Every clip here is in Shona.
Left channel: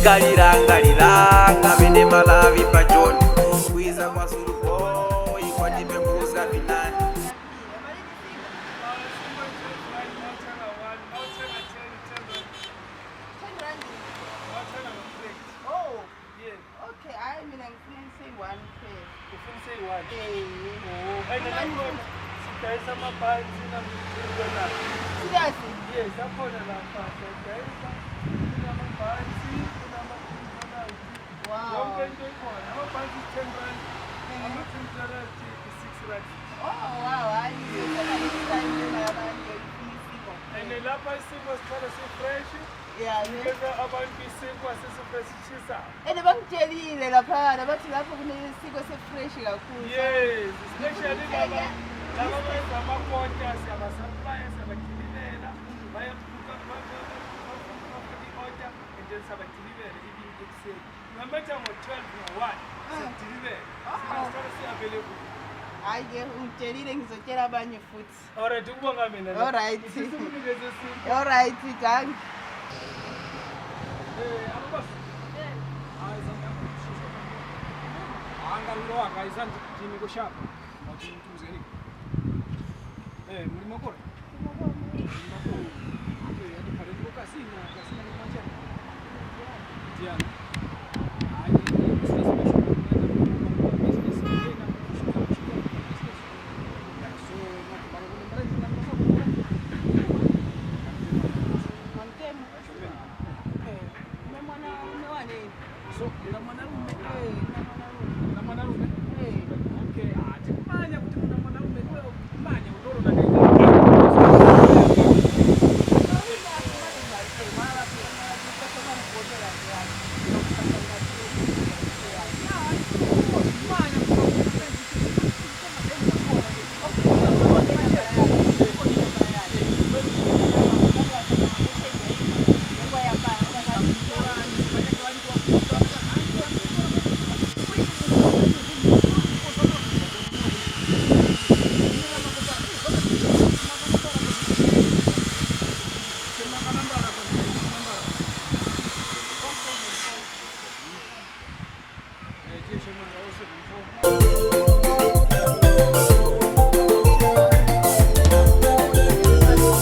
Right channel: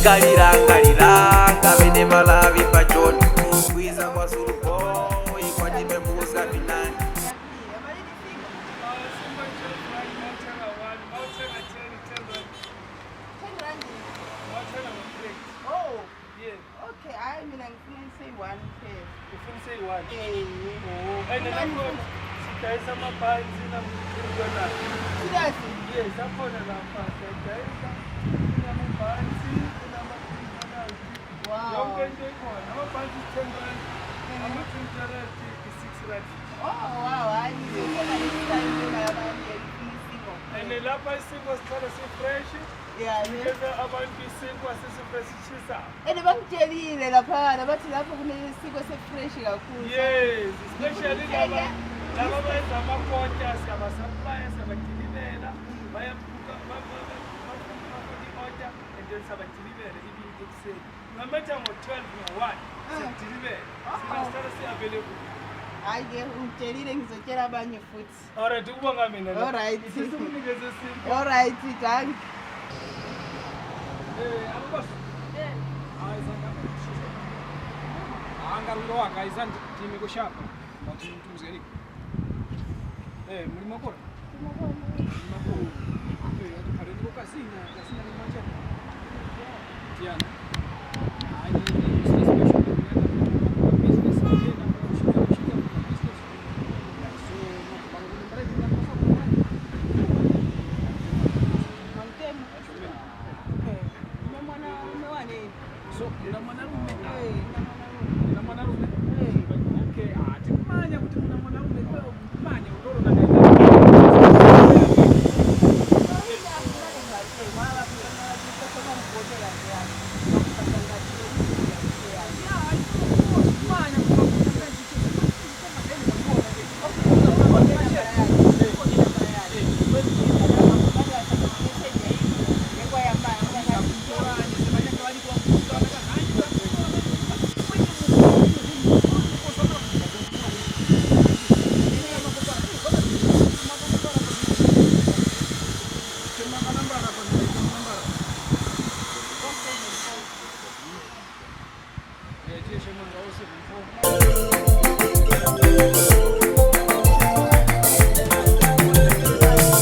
Tikalilanga bene malavi pachoni kwiza kwa Zuluboy kwa tipembuza vinani.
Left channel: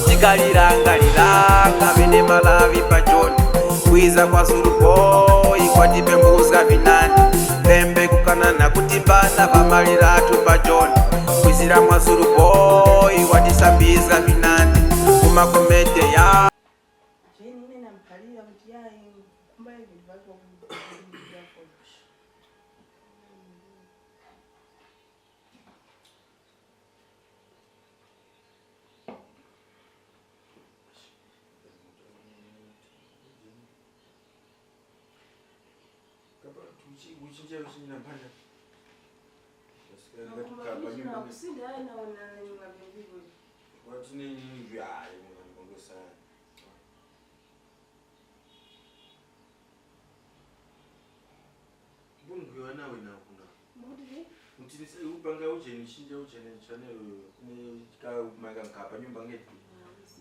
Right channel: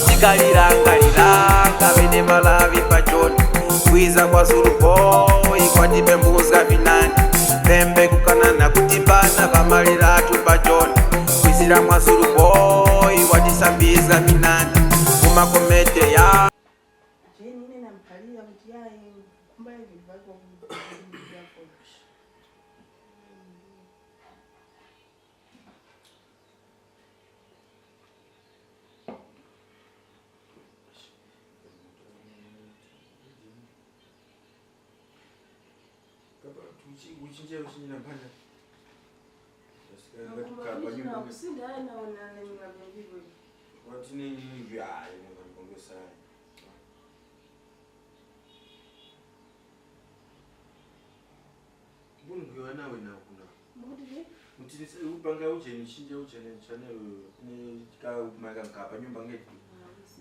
Tikalilanga bene malavi pachoni kwiza kwa Zuluboy kwa tipembuza vinani. Pembe kukanana kutimbana vamaliratu pachoni kwizira mwa Zuluboy watisambiza vinani kumakomete ya upanga uje nishinje uje channel ni ka maga nkapa nyumba ngeti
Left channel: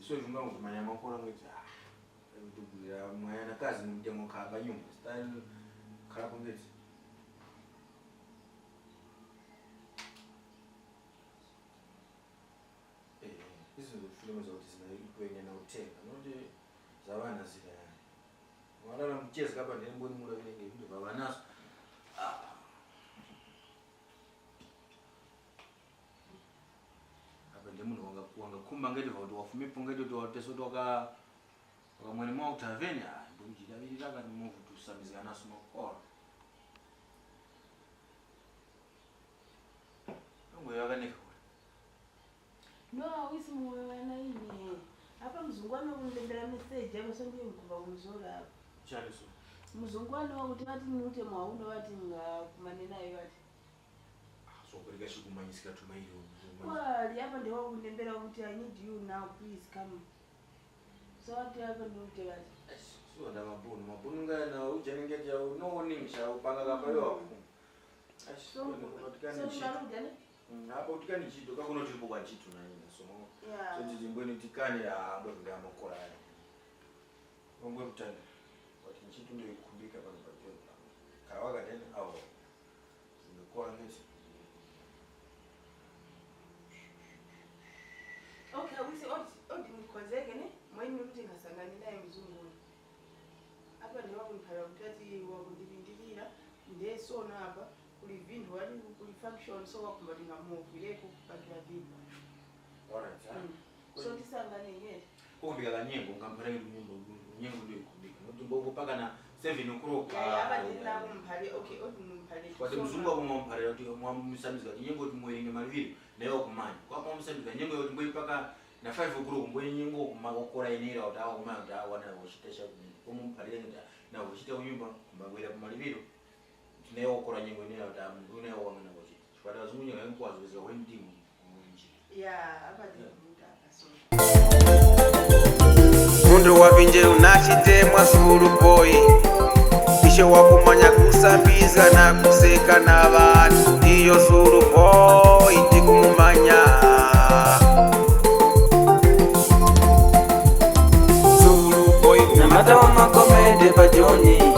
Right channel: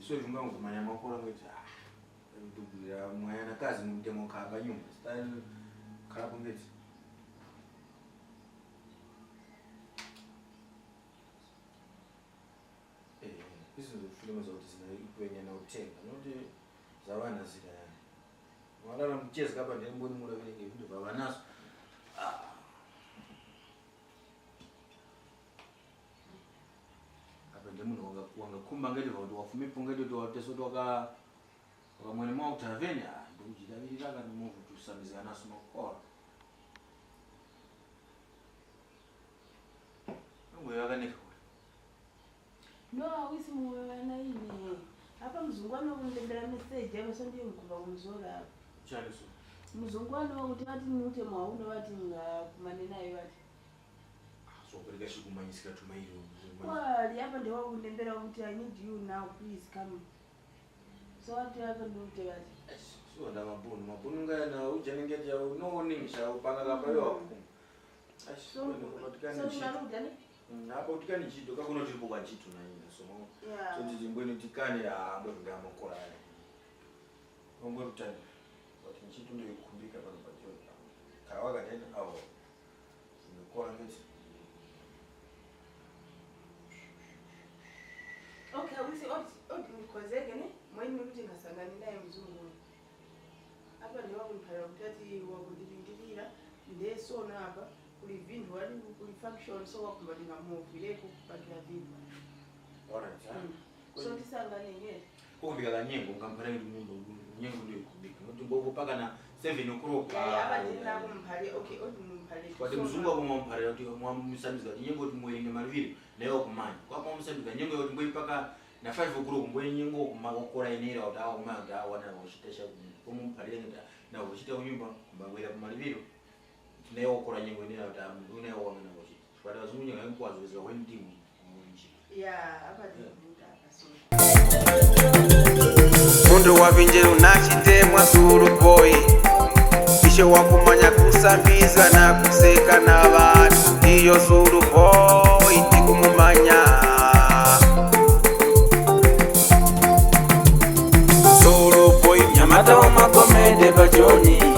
so junga ngumanya makora ngeti ndugulira mwana kazi mudemo kapa nyumba style kala ngeti hizo filmu zote zinaikuenya na utenga ndio zawana zile wala na mchezo kama ndio mboni mula vile vitu baba naso wanga kumba ngeli vantu wafumipo ngeli to wateso toka mwene mwa utaveni nduji davili laka ni mungu tusamiza naso nokora ngo yakaneka no wisi muwana ini hapa mzungwano kundendera message hapo sondiye mkuba kumzola chale so mzungwano kuti vati nute mwauno vati ngakumane nayo vati so kulika shikumanyisika tumairo kwali hapa ndio kundendera kuti I need you now please come so what hapa nute vati so nda mabunu ngana ujenengeti ya no ningisha upanga kapa yo so tunarudi hapo utikani chito kakuno chilipo kwa chito na ina so so jimbweni tikani ya ndo ngama kola ngomwe kutani but nchito ndio kumbika pale pachoni kawaga tena au nimekuwa ngeti. Okay, we say odi nikozeke ne mwenye mtu ngasangani naye mzungu hapa ndio wakuniphala kutati wakundilindilira ndesona hapa kuli vindu wali kuli function so wakumbalinga movie leko bakira vindu. Alright, So tisangane ngeke kumbika kanyengo ngamphala nyimbo nyengo ndio kumbika ngoba paka na 7 o'clock hapa ndina kumphale. Okay, odi mphale kwa mzungu akumphale kuti mwamsamiza nyengo timwelenge maliviro nayo kumanya kwa mwamsamiza nyengo yoti mboyi paka na 5 o'clock mboyi nyengo kumakokora inera kuti awo kumanga awana wachitesha kumphale na wachita unyumba mbangwela kumaliviro nayo okora nyengo inera kuti unayo wamana wachita kwa wazungu nyengo yankwazo wendimu munji hapa ndina Mundu wavinje unachitemwa Zulu boy Ishe wakumanya kusambiza na kuseka na vantu Iyo Zulu boy tikumumanya Zulu boy Nyamata wa Magomede Bajoni